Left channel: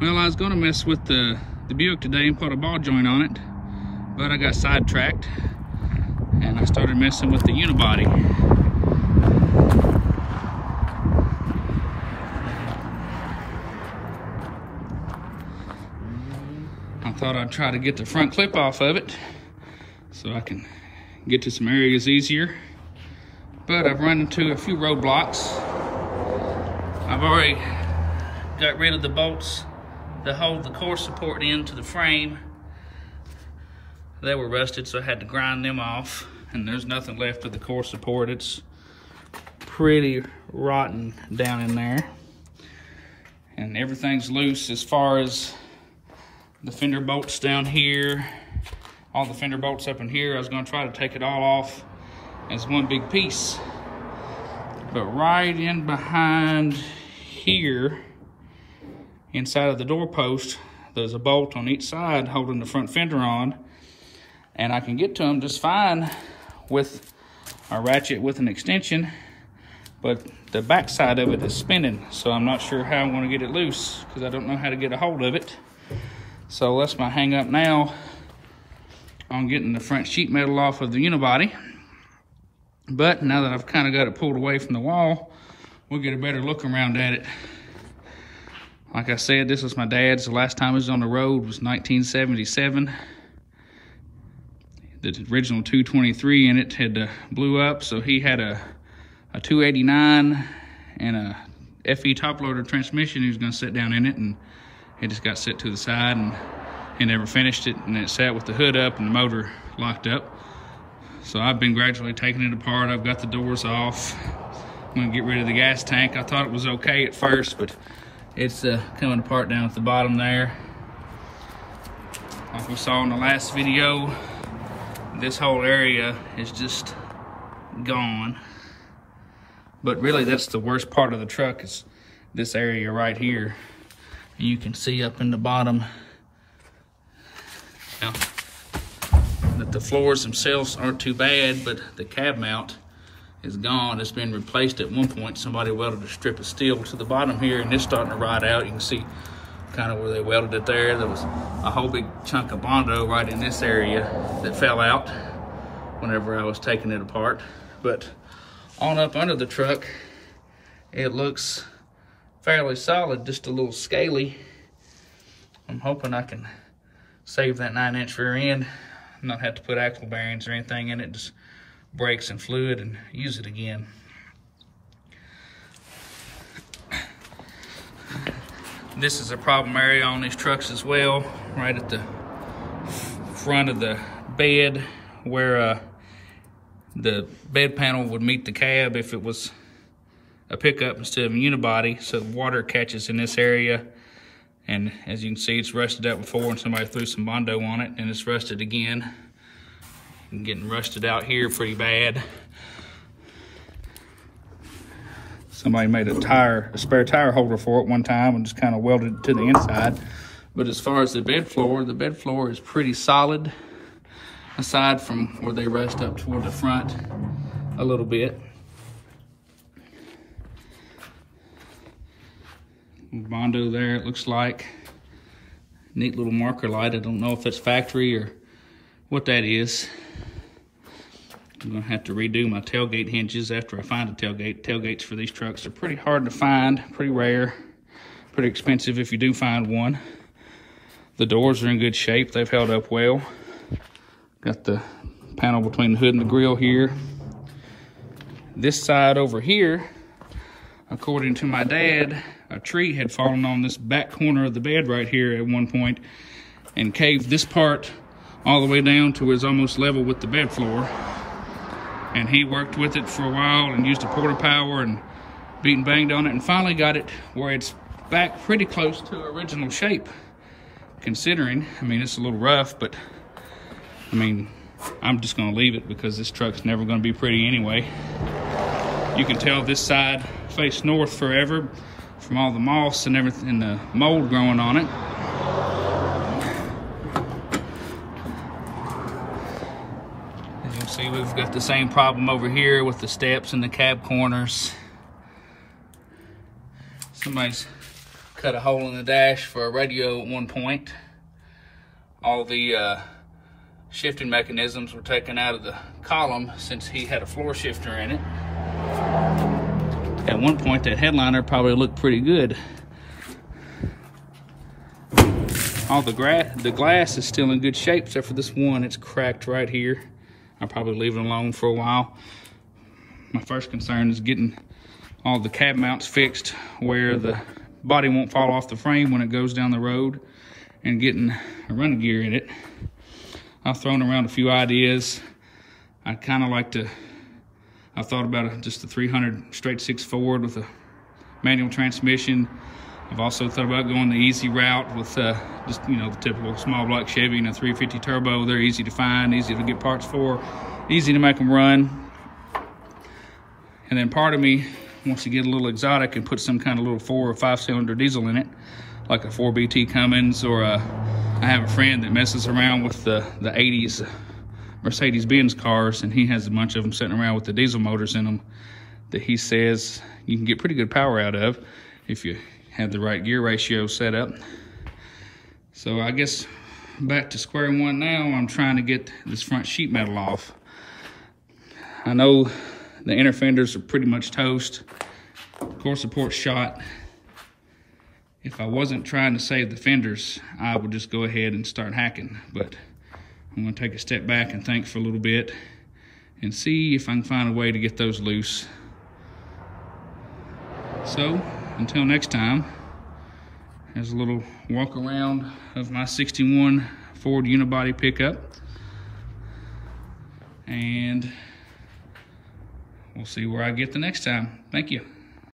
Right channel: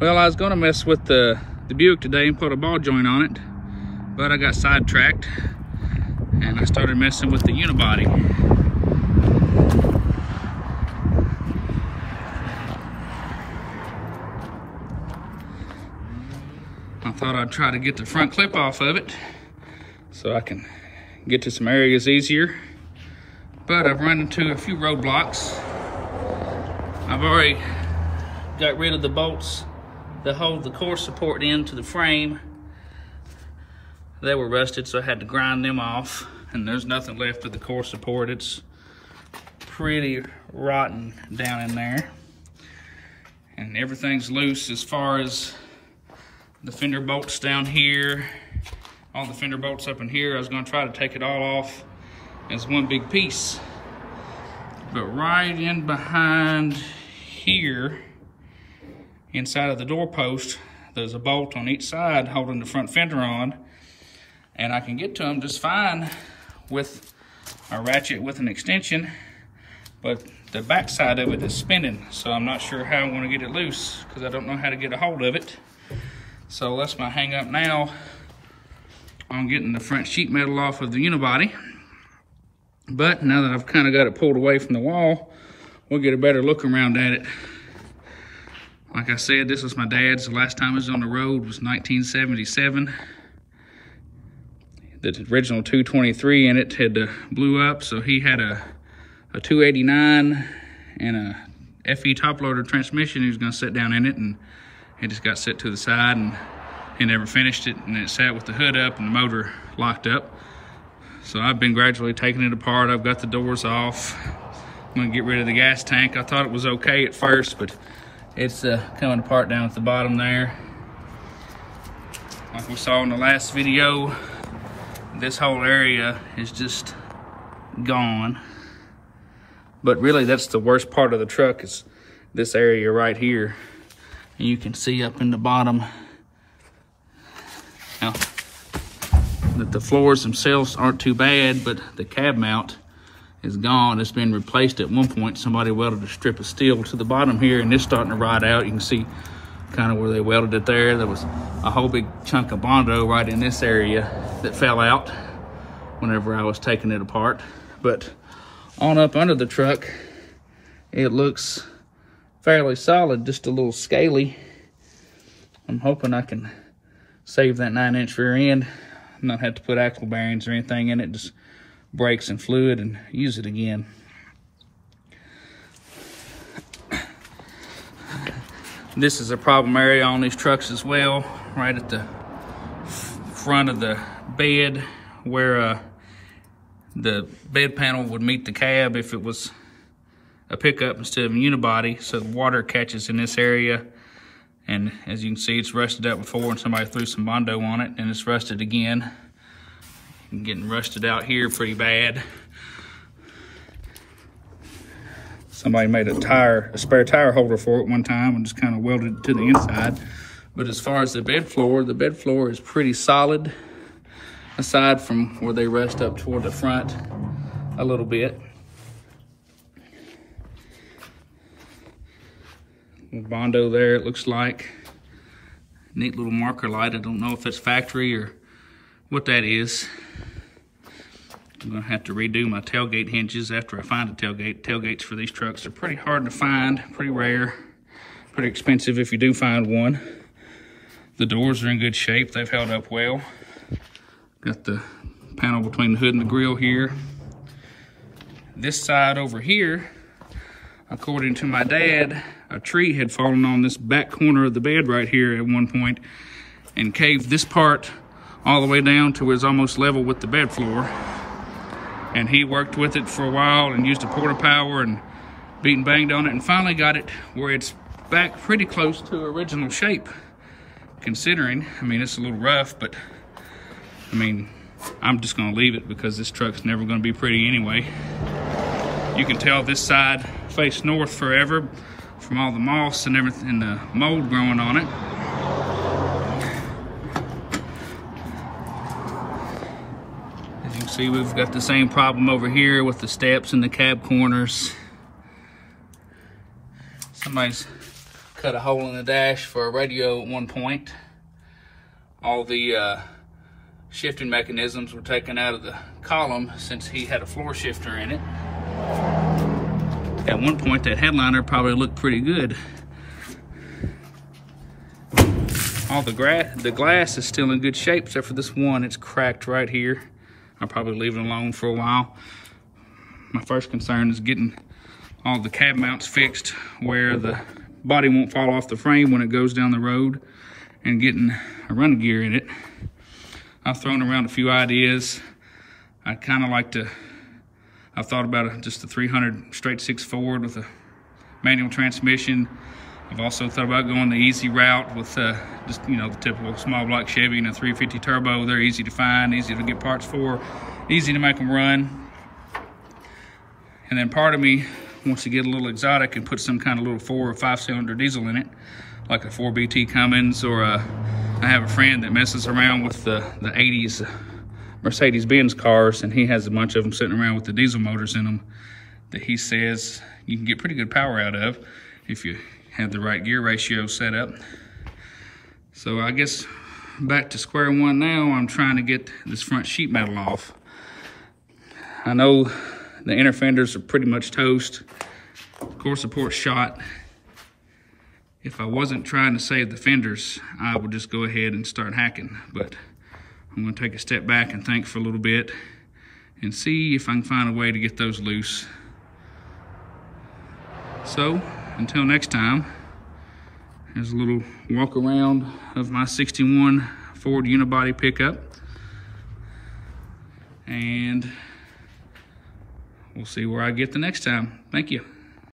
Well, I was gonna mess with the Buick today and put a ball joint on it, but I got sidetracked and I started messing with the Unibody. I thought I'd try to get the front clip off of it so I can get to some areas easier, but I've run into a few roadblocks. I've already got rid of the bolts that hold the core support into the frame. They were rusted, so I had to grind them off, and there's nothing left of the core support. It's pretty rotten down in there, and everything's loose as far as the fender bolts down here, all the fender bolts up in here. I was going to try to take it all off as one big piece, but right in behind here, inside of the doorpost, there's a bolt on each side holding the front fender on, and I can get to them just fine with a ratchet with an extension, but the back side of it is spinning, so I'm not sure how I'm going to get it loose because I don't know how to get a hold of it. So that's my hang up now on getting the front sheet metal off of the Unibody. But now that I've kind of got it pulled away from the wall, we'll get a better look around at it. Like I said, this was my dad's. The last time it was on the road was 1977. The original 223 in it had blew up, so he had a 289 and a FE top loader transmission. He was going to sit down in it, and it just got set to the side, and he never finished it, and it sat with the hood up and the motor locked up. So I've been gradually taking it apart. I've got the doors off. I'm going to get rid of the gas tank. I thought it was okay at first, but it's coming apart down at the bottom there. Like we saw in the last video, this whole area is just gone. But really, that's the worst part of the truck, is this area right here. And you can see up in the bottom now that the floors themselves aren't too bad, but the cab mount is gone. It's been replaced at one point. Somebody welded a strip of steel to the bottom here, and it's starting to rot out. You can see kind of where they welded it there. There was a whole big chunk of Bondo right in this area that fell out whenever I was taking it apart. But on up under the truck, it looks fairly solid, just a little scaly. I'm hoping I can save that 9-inch rear end, not have to put axle bearings or anything in it, just brakes and fluid and use it again. This is a problem area on these trucks as well, right at the front of the bed where the bed panel would meet the cab if it was a pickup instead of a unibody. So the water catches in this area, and as you can see, it's rusted out before, and somebody threw some Bondo on it, and it's rusted again. And getting rusted out here pretty bad. Somebody made a spare tire holder for it one time and just kind of welded it to the inside. But as far as the bed floor is pretty solid, aside from where they rust up toward the front a little bit. Bondo there, it looks like. Neat little marker light. I don't know if it's factory or what that is. I'm gonna have to redo my tailgate hinges after I find a tailgate. Tailgates for these trucks are pretty hard to find, pretty rare, pretty expensive if you do find one. The doors are in good shape. They've held up well. Got the panel between the hood and the grill here. This side over here, according to my dad, a tree had fallen on this back corner of the bed right here at one point and caved this part all the way down to where it's almost level with the bed floor. And he worked with it for a while and used a porta power and beat and banged on it, and finally got it where it's back pretty close to original shape. Considering, I mean, it's a little rough, but I mean, I'm just gonna leave it because this truck's never gonna be pretty anyway. You can tell this side faced north forever from all the moss and everything, and the mold growing on it. As you can see, we've got the same problem over here with the steps and the cab corners. Somebody's cut a hole in the dash for a radio at one point. All the shifting mechanisms were taken out of the column since he had a floor shifter in it. At one point, that headliner probably looked pretty good. All the glass is still in good shape, except for this one. It's cracked right here. I'll probably leave it alone for a while. My first concern is getting all the cab mounts fixed where the body won't fall off the frame when it goes down the road, and getting a running gear in it. I've thrown around a few ideas. I kind of like to, I thought about just a 300 straight 6 Ford with a manual transmission. I've also thought about going the easy route with just, you know, the typical small block Chevy and a 350 turbo. They're easy to find, easy to get parts for, easy to make them run. And then part of me wants to get a little exotic and put some kind of little 4 or 5 cylinder diesel in it, like a 4BT Cummins, or I have a friend that messes around with the 80s Mercedes-Benz cars, and he has a bunch of them sitting around with the diesel motors in them that he says you can get pretty good power out of if you have the right gear ratio set up. So I guess back to square one now. I'm trying to get this front sheet metal off. I know the inner fenders are pretty much toast. Core support's shot. If I wasn't trying to save the fenders, I would just go ahead and start hacking. But I'm gonna take a step back and think for a little bit and see if I can find a way to get those loose. So, until next time, here's a little walk around of my 61 Ford Unibody pickup. And we'll see where I get the next time. Thank you.